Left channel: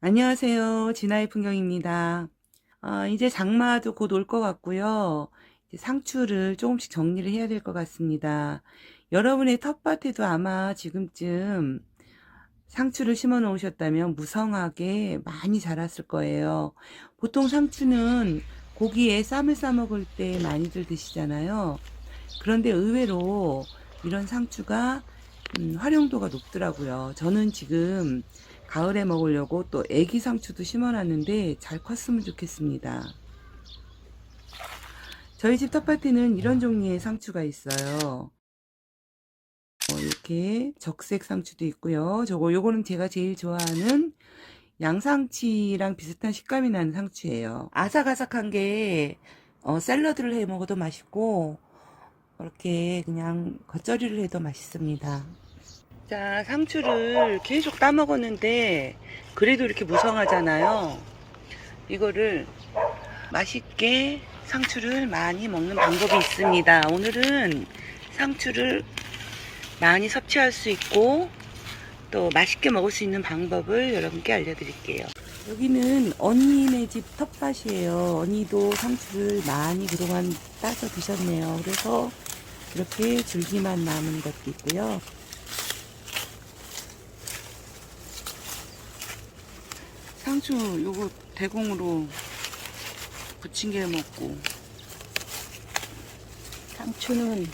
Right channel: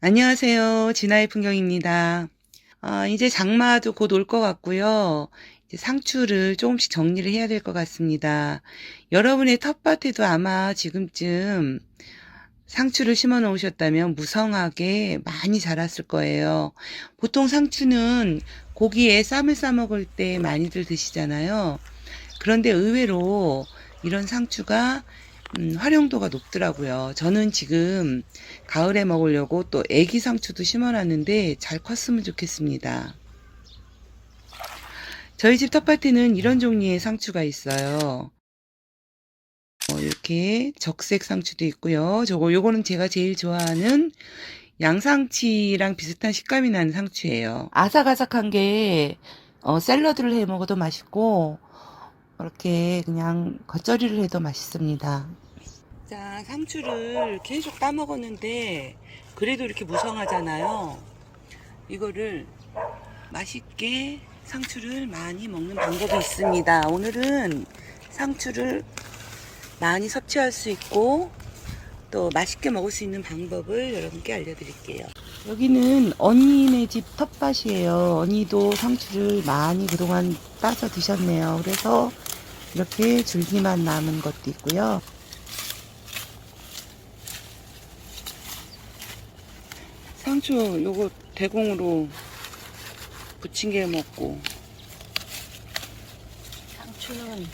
안녕하세요. 진아의 풍경입니다. 아, 이제 장마도 곧 올 것 같고요. 상추를 조금씩 정리를 해야 될 것 같습니다. 여러분의 텃밭에도 아마 지금쯤 상추를 심어 놓으셨다면 무성하게 많이 자랐을 거예요. 보통 상추는 고기에 쌈을 싸 먹을 때 많이들 드시잖아요. 그런데 의외로 이런 상추가 음, 활용도가 높더라고요. 저는 지금 가을에 먹으려고 또 애기 상추도 심어놨는데 잘 컸으면 좋겠습니다. 저희 집 텃밭에는 이런 종류의 상추가 있어요. 어, 이렇게 적색 상추도 있고요. 저거 요거는 제가 제일 좋아하는 양상치랑 비슷한 식감이 나는 상추예요. 아삭아삭한 게 어, 샐러드를 해 먹어도 맛있고 이렇게 그냥 겉절이를 해도 맛있습니다. 자, 상추를 계속 따먹었는데 그래도 이렇게 무성하잖아요. 이거를 맛있게 상추를 많이 먹는 방법이 있습니다. 오늘은 상추를 많이 섭취할 수 있고 또 맛있게 먹을 수 있는 방법을 여러분께 알려드릴게요. 여기는 언니네 집 텃밭이에요. 언니도 상추를 많이 그동안 따서 드셨네요. 그래서 이렇게 줄기만 남은 것도 있고요. 상추 요거 대공으로 부침개 먹고 상추는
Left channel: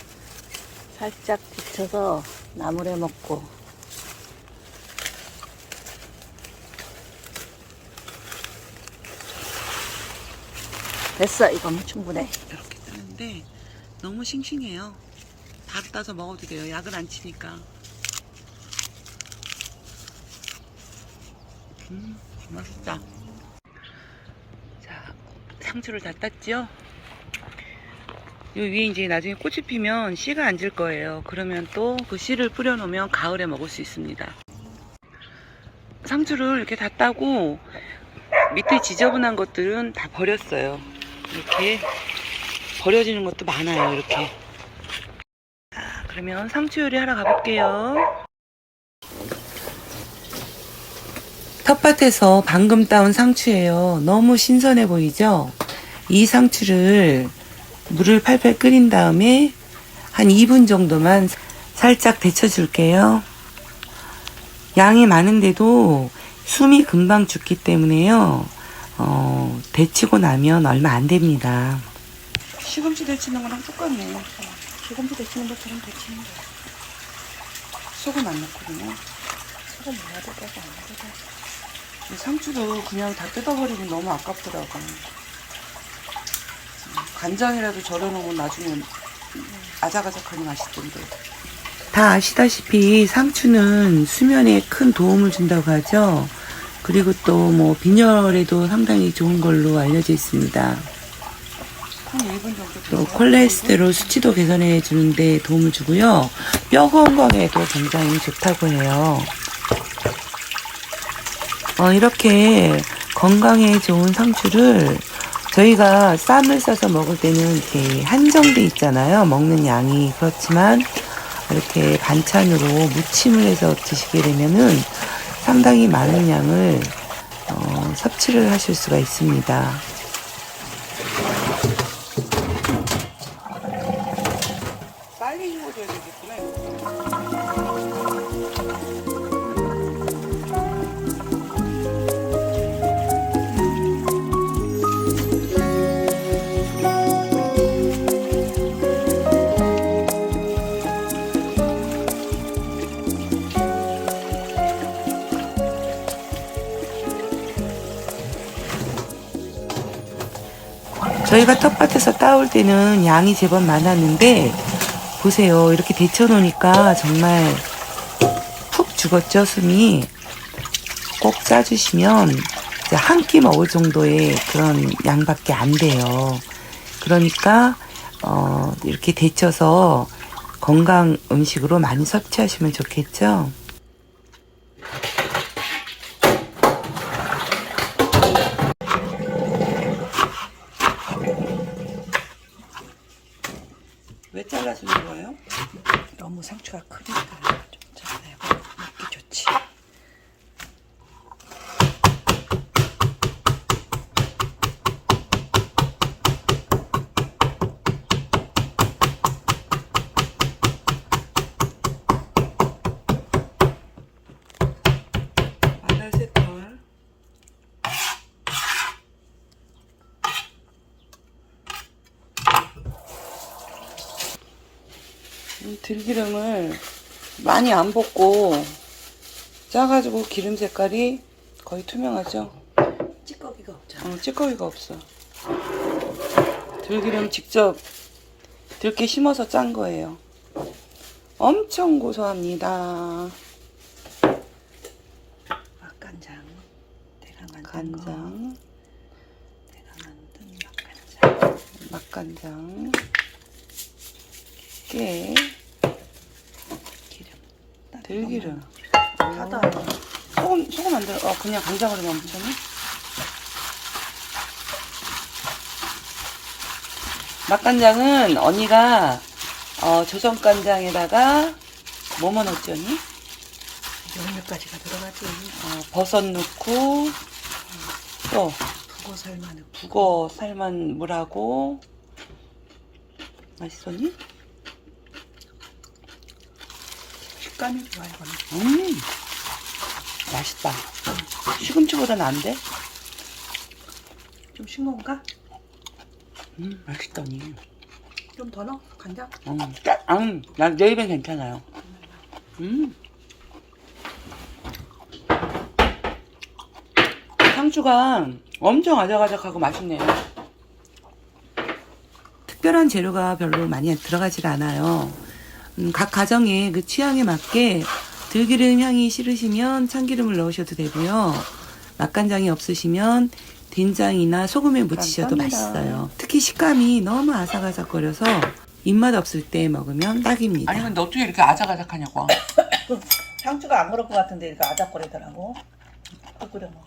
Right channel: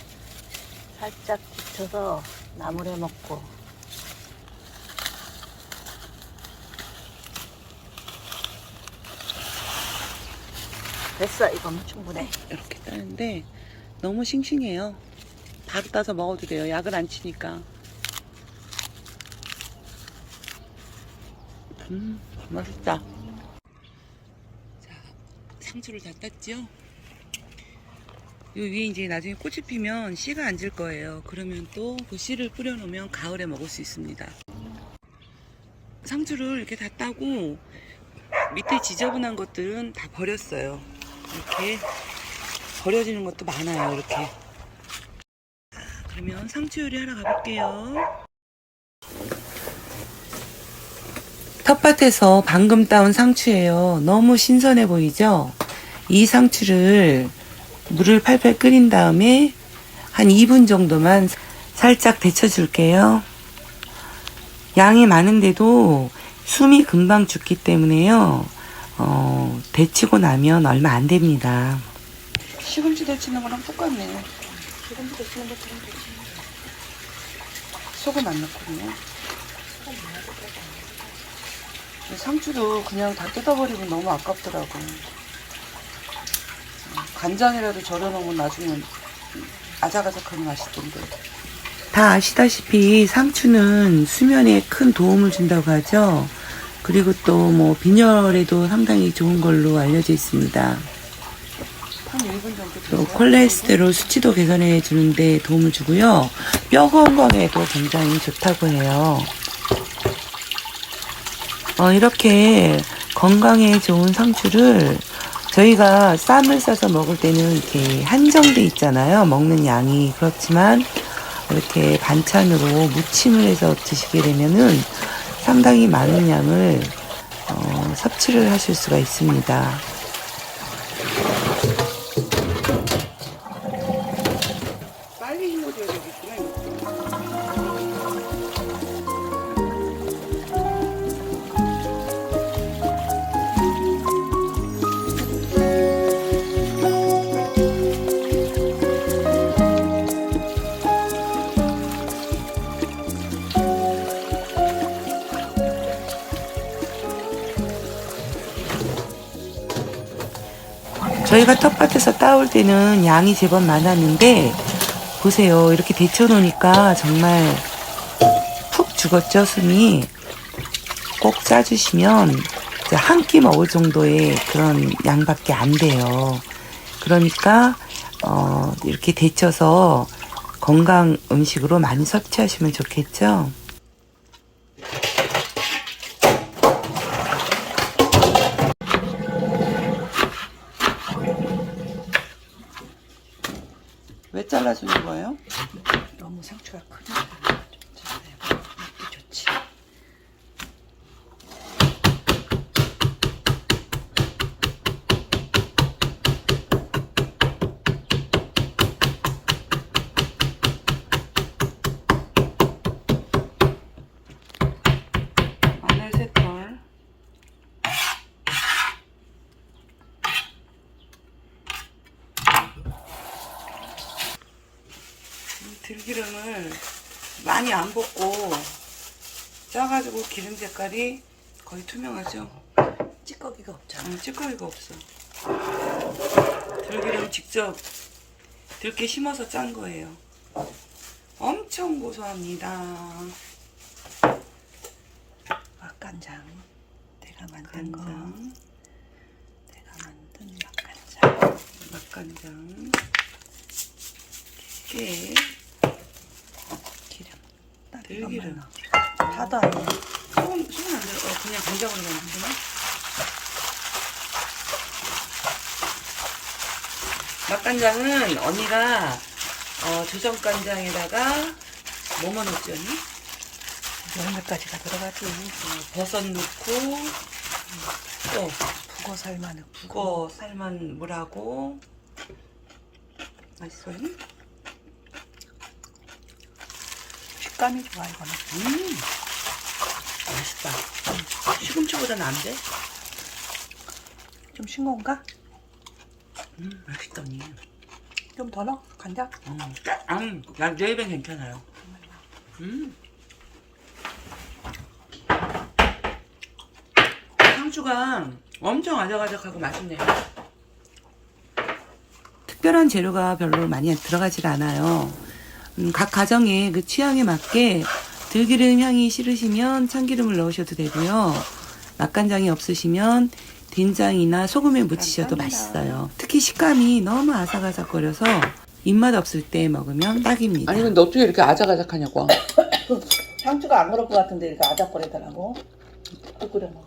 살짝 데쳐서 나물에 먹고 됐어 이건 충분해 이렇게 따는데 너무 싱싱해요. 바로 따서 먹어도 돼요. 약을 안 치니까. 음, 맛있다. 자, 상추를 다 땄죠? 요 위에 이제 나중에 꽃이 피면 씨가 앉을 거예요. 그러면 또 그 씨를 뿌려놓으면 가을에 먹을 수 있습니다. 상추를 이렇게 다 따고 밑에 지저분한 것들은 다 버렸어요. 이렇게 버려지는 것도 많아요. 이렇게. 자, 그러면 상추 요리 하러 가볼게요. 텃밭에서 방금 따온 상추예요. 너무 신선해 보이죠? 이 상추를 물을 팔팔 끓인 다음에 한 2분 정도만 살짝 데쳐줄게요. 양이 많은데도 숨이 금방 죽기 때문에요. 어, 데치고 나면 얼마 안 됩니다. 시금치 데치는 거랑 똑같네. 지금도 데치는 것처럼 데치는 소금 안 넣고 그냥. 근데 상추도 그냥 다 뜯어버리고 너무 아깝더라고. 음, 간장이라도 절여놓으면 나중에 아삭아삭하니 맛있던데. 다 아시다시피 상추는 수면에 큰 도움을 준다고 하죠. 그리고 또 뭐 빈혈에도 상당히 좋은 걸로 알려져 있습니다. 한 1분 정도 또 콜레스테롤 수치도 개선해 주는데 도움을 주고요. 뼈 건강에도 굉장히 좋다고 해요. 어, 이렇게 건강에 좋은 상추를 저희가 쌈을 싸서 먹을 때는 이렇게 한정돼 있잖아요. 먹는 양이. 그렇지만 이렇게 반찬으로 무침을 해서 드시게 되면은 상당히 많은 양을 어, 섭취를 하실 수가 있습니다. 저희가 텃밭에서 따올 때는 양이 제법 많았는데 보세요. 이렇게 데쳐 놓으니까 정말 푹 죽었죠 숨이? 꼭 짜주시면 한 끼 먹을 정도의 그런 양밖에 안 돼요. 그러니까 어, 이렇게 데쳐서 건강 음식으로 많이 섭취하시면 좋겠죠 왜 잘라주는 거예요? 너무 상추가 크니까 좀 잘라내고 먹기 좋지 들기름을 많이 안 볶고 짜가지고 기름 색깔이 거의 투명하죠? 찌꺼기가 없잖아. 어, 찌꺼기가 없어. 들기름 직접 들깨 심어서 짠 거예요. 엄청 고소합니다. 맛간장. 내가 만든 거. 간장, 내가 만든 맛간장. 맛간장, 깨. 들기름. 하다. 소금, 소금 안 들어. 어, 그냥 간장으로 그냥 묻혀놔? 맛간장은 언니가 어, 조선간장에다가 뭐뭐 넣었더니 열매까지가 들어가지. 어, 버섯 넣고 또 북어 살만 넣고. 북어 삶은 물하고 맛있었니? 식감이 좋아 이거는. 음 맛있다. 시금치보다는 안 돼? 좀 싱거운가? 음 맛있다 언니. 좀 더 넣어. 간장. 어, 음, 난내 입엔 괜찮아요. 음. 상추가 엄청 아삭아삭하고 맛있네요. 특별한 재료가 별로 많이 들어가질 않아요. 음, 각 가정의 그 취향에 맞게 들기름 향이 싫으시면 참기름을 넣으셔도 되고요. 맛간장이 없으시면 된장이나 소금에 무치셔도 감사합니다. 맛있어요. 특히 식감이 너무 아삭아삭거려서 입맛 없을 때 먹으면 딱입니다. 아니 근데 어떻게 이렇게 아작아작하냐고 상추가 안 그럴 것 같은데 이렇게 아작거리더라고. 또 끓여 먹어.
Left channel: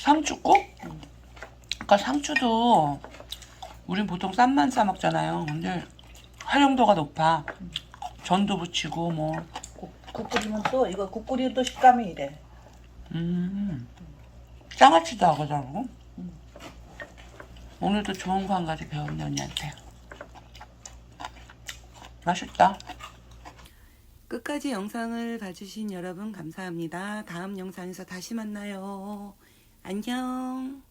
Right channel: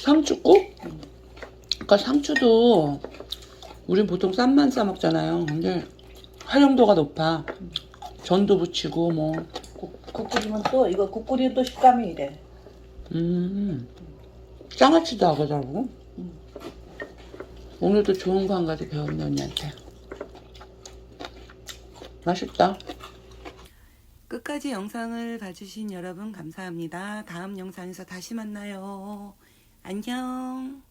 상추국? 그러니까 상추도 우린 보통 쌈만 싸 먹잖아요 근데 활용도가 높아 전도 부치고 뭐 국, 국 끓이면 또 이거 국 끓이면 또 식감이 이래. 음, 장아찌도 하더라고 음. 오늘도 좋은 거 한 가지 배웠네 언니한테 맛있다 끝까지 영상을 봐주신 여러분 감사합니다. 다음 영상에서 다시 만나요. 안녕.